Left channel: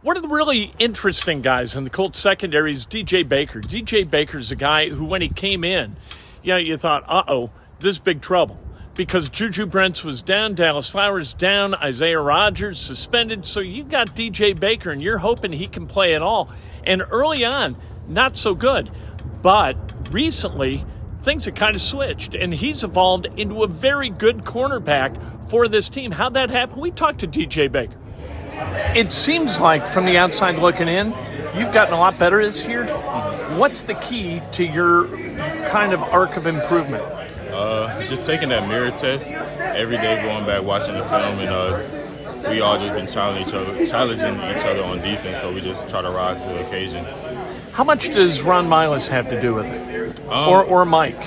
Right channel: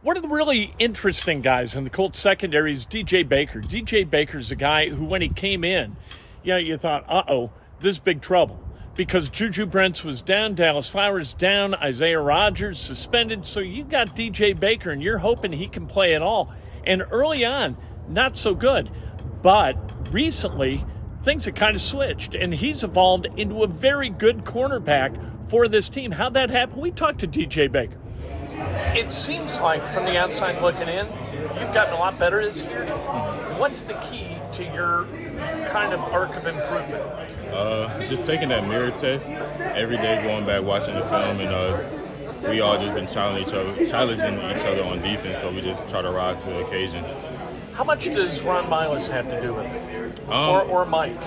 One of the really interesting guys in the Colts secondary is DJ Baker. DJ Baker's a guy who, when he came in, you thought, this is big trouble. Because Juju Brents was down, Dallas Flowers down, Isaiah Rodgers suspended. So you got DJ Baker, and you're hoping he can play at all. And early on, not so good. But recently, things have kind of switched, and he's evolved into a very good cornerback for this team. How'd that happen? We talked to DJ Baker. It seems like, from the outside looking in, you've gotten a lot better this year. What's the key to your kind of arc of improvement? Just taking that mirror test every day, going back, watching the film, and we all just been challenging each other on defense, so we just try to rise to the occasion. How much does Ron Miles have to do with it? Or Mike?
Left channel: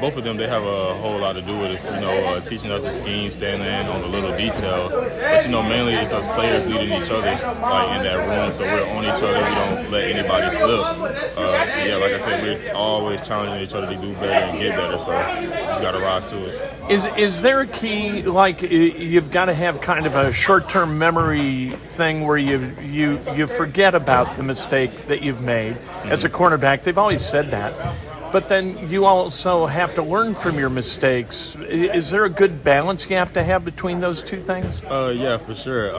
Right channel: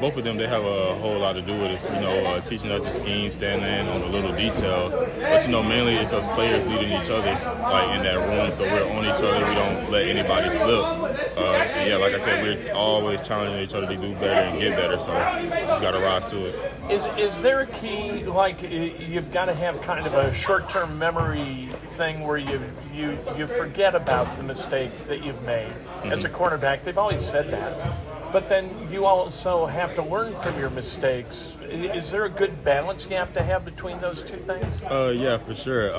Both of them, they have a whole lot to do with it, teaching us the scheme, standing in on the little details. But, mainly it's us players leading each other, in that room, so we're on each other. We don't let anybody slip. Like I said, we're always challenging each other to do better and get better, so just got to rise to it. Is there a key, you've got to have kind of a short-term memory thing where you forget about the mistake that you've made as a cornerback? They've always said that. But then you also have to learn from your mistakes. Is there a good balance you have to have between those two things? Yeah, for sure.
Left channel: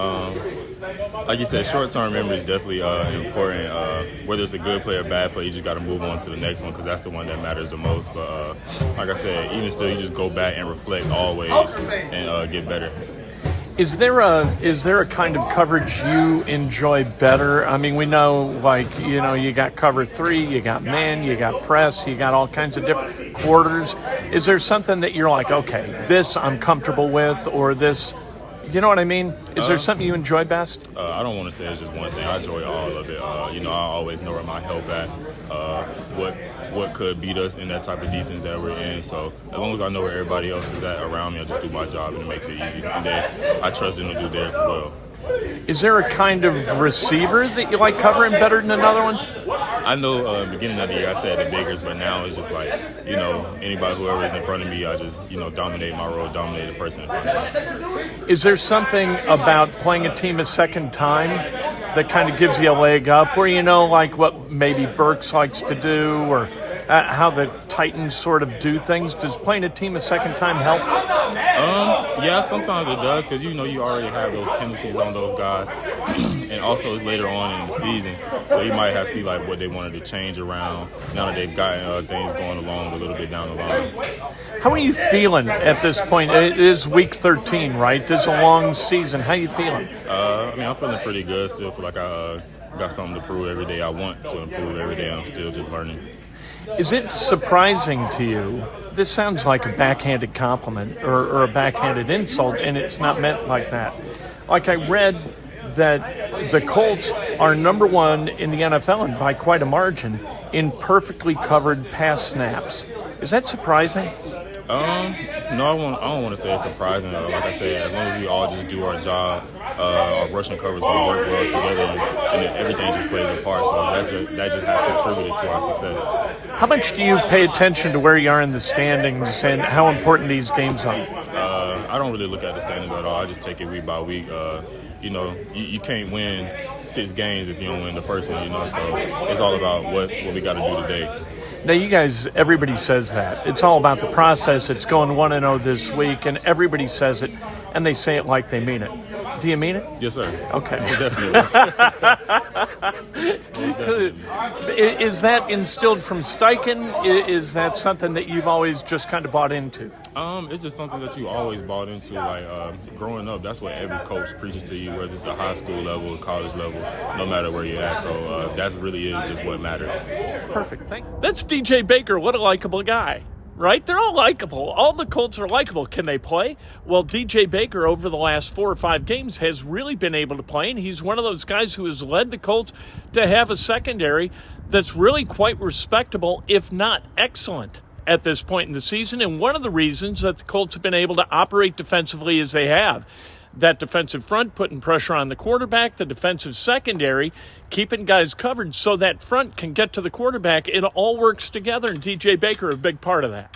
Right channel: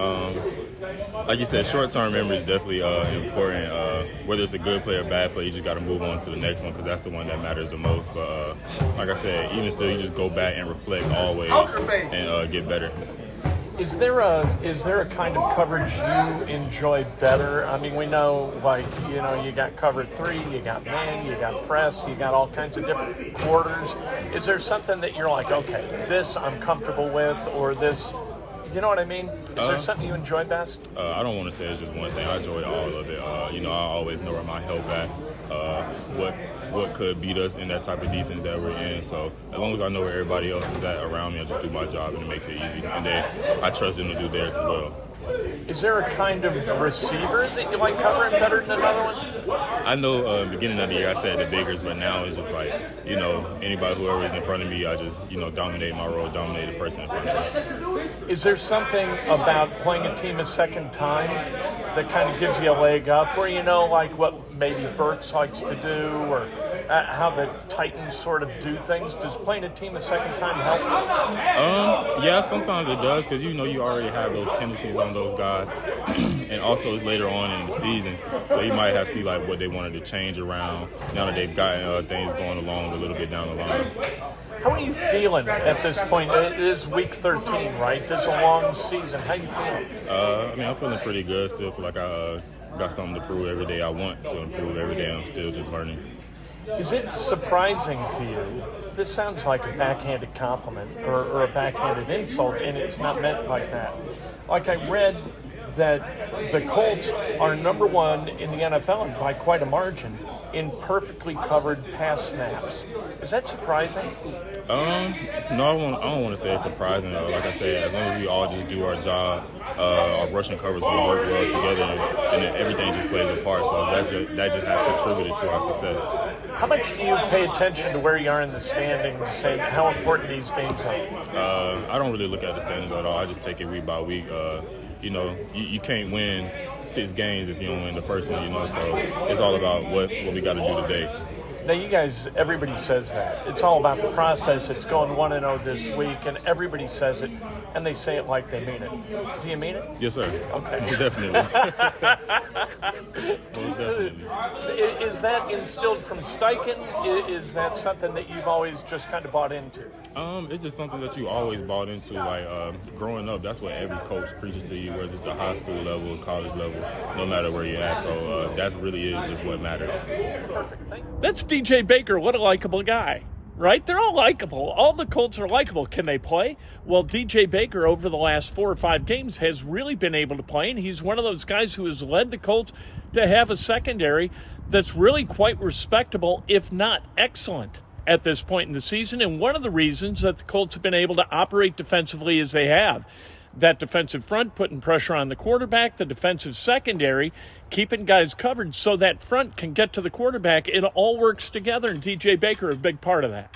Like you said, short-term memory is definitely important. Whether it's a good play or bad play, you just got to move on to the next one because that's the one that matters the most. But like I said, even still, you just go back and reflect always and get better. Is there a kind of coverage you enjoy better? I mean, we know, you got cover 3, you got man, you got press, you got all kinds of different quarters. Is there something that you're like, okay, this I'm comfortable with, or this, you know what I mean? Is there something you enjoy best? I don't want to say it's just one thing. I enjoy all of it. I always know where my help at, what could beat us in that type of defense that we're in. So as long as I know where everybody else is at around me, I just do my job and it makes it easy. And then I trust them to do theirs as well. Is there a kind of receiver that you like covering better than another one? I know beginning of the year I said the biggers, but now it's just anybody, whoever is in front of me, I just, dominate my role, dominate the person in front of me. Is there something about playing a team a second time that kind of gives you a leg up, where what maybe Burks likes to do, or how the Titans sort of do things? Does playing a team a second time help? Yeah, sometimes it does, because you already have those tendencies on those guys, and also it's later on in the season, so you might have to see what they wanted to change around now that they've gotten things going along a little bit down the line. How are you feeling at this point? It is week 13, right? This is a long season. How are you feeling? I'm feeling pretty good. Still feel like I got something to prove every day. I want to improve every day. I'm still just learning. Is it surprising to you? This sounds like a backhanded compliment or a backhanded insult, and it's not meant like that. I read that the Colts are number 1 in the NFL, and by quite a margin, in perfectly covered pass snaps. Is that surprising? No, I don't want to say it's surprising. Like I said, as long as we all just do our job, our rushing cover is going to work well together, and everything just plays a part. So that just has contributed to our success. How much do you pay attention to where you are in the standings and how important these games are? I don't really look at the standings at all. I just take it week by week. You can't win 6 games if you don't win the first one, so it's all about what we got to do today. Now, you guys, everybody says that. It's all about the process. It's going 1-0 this week, and everybody says it, and they say it like they mean it. Do you mean it? Yes, sir. Okay. Most definitely. Most definitely. Is that instilled from Steichen? Is that something that you've always just kind of bought into? It's just something that you always bought into. Growing up, that's what every coach preaches to you, whether it's a high school level, college level, no matter where you're at. So that really is just what matters. Perfect. Thank you. That's DJ Baker. What a likable guy. Right? They're all likable. All the Colts are likable. Can they play? Well, DJ Baker over the last 4 or 5 games has really been able to play, and he's one of those guys who has led the Colts to have a secondary that's really quite respectable, if not excellent, at this point in the season. And one of the reasons that the Colts have been able to operate defensively as they have, that defensive front putting pressure on the quarterback, the defensive secondary keeping guys covered so that front can get to the quarterback. It all works together, and DJ Baker a big part of that.